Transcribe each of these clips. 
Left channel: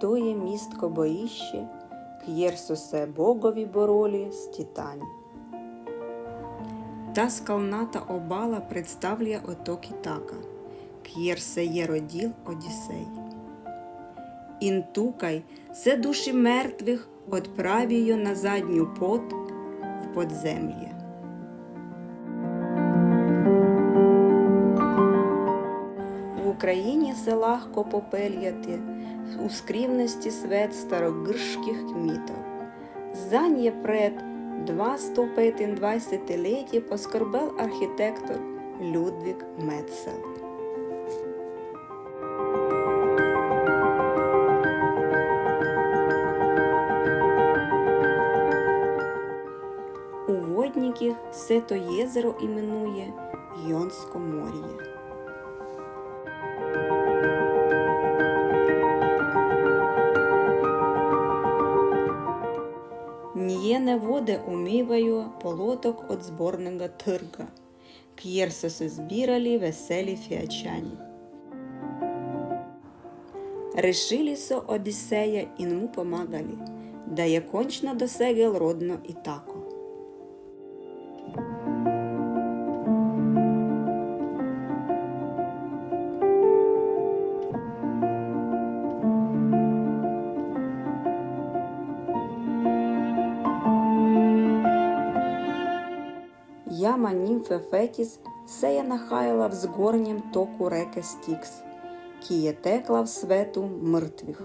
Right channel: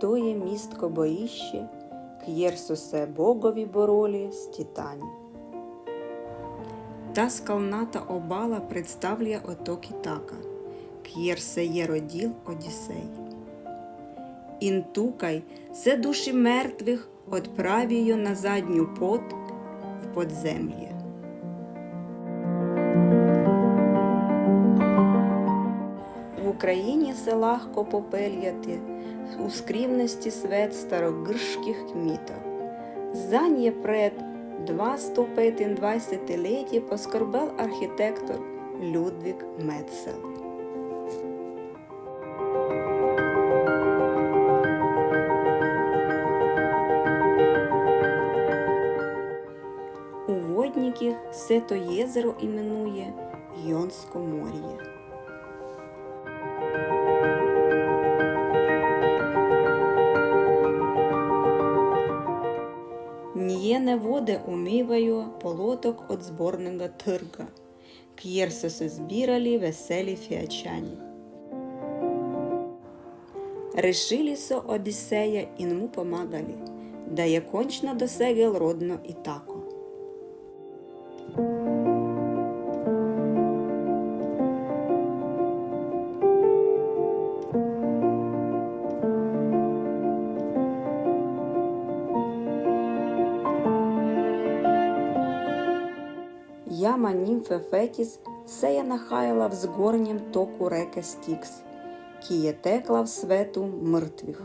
то є містко боїще, к'єрсо се богові боролі з титані. Та скалната обала представляє оток Ітака, к'єрсе є роділ Одіссей. Інтукай се душі мертвих отправію на задню пот в подзем'я. В Україні се легко попельяти у скрівності свет старогиршких кмітов. Зanje пред 225 літі поскорбел архітектор Людвік Метцел. У водників все то єзеро іменує Йонськомор'я. Нієне води умиваю полоток от зборного тирга, к'єрсо се збірали веселі фіачані. Решили со Одіссея інму помагали, да я кончно досегел родно і тако. Яма німфе Фетіс сея нахаяла в згорнім току реки Стікс, кіє текла в свету мертвих.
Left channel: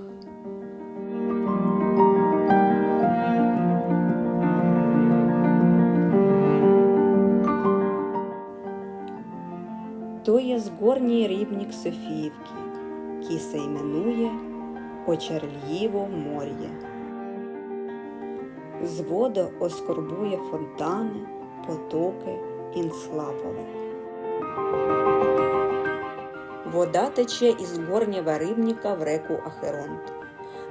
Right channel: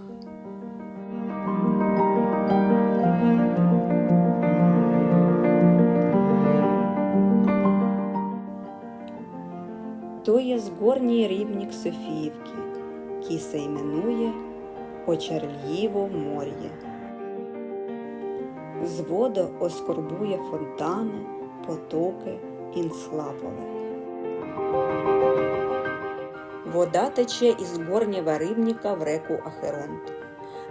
То є згорній рівник Софіївки, кі се іменує Очерльїво мор'є. З воду оскорбує фонтани, потоки інслапове. Вода тече із горнєва рибніка в реку Ахеронт.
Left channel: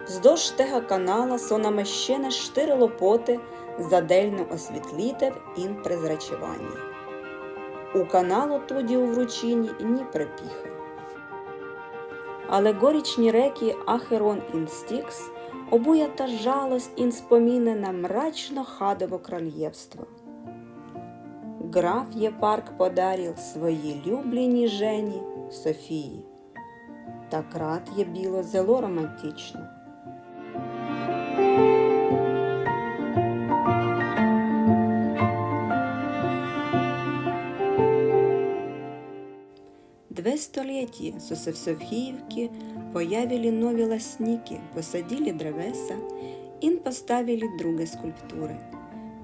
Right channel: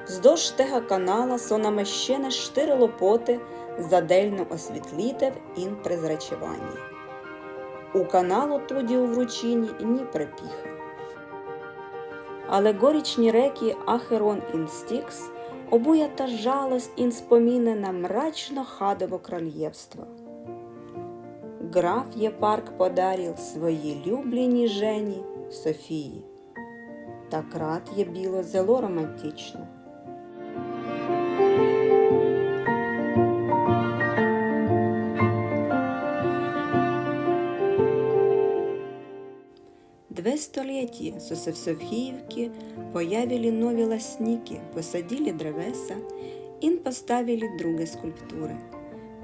Вздовж тега канала со намещене штири лопоти задельно освітлітев ін презрачування. У каналу тоді у вручині ні припіхи. Але горічні реки Ахерон ін Стікс обуя та жалость ін на мрачно хадово крольєвство. Граф Єпарк подарил своїй любліній жені Софії. Так рад є біло зело романтично. Две столетия со в появили нові ласники, посадили древеса і поставили другі скульптури.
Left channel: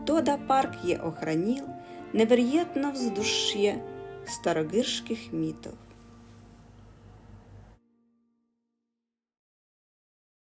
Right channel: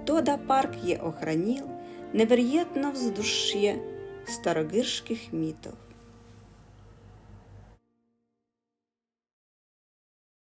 Тода парк є охранил невероятно вздуш'є старогирських мітов.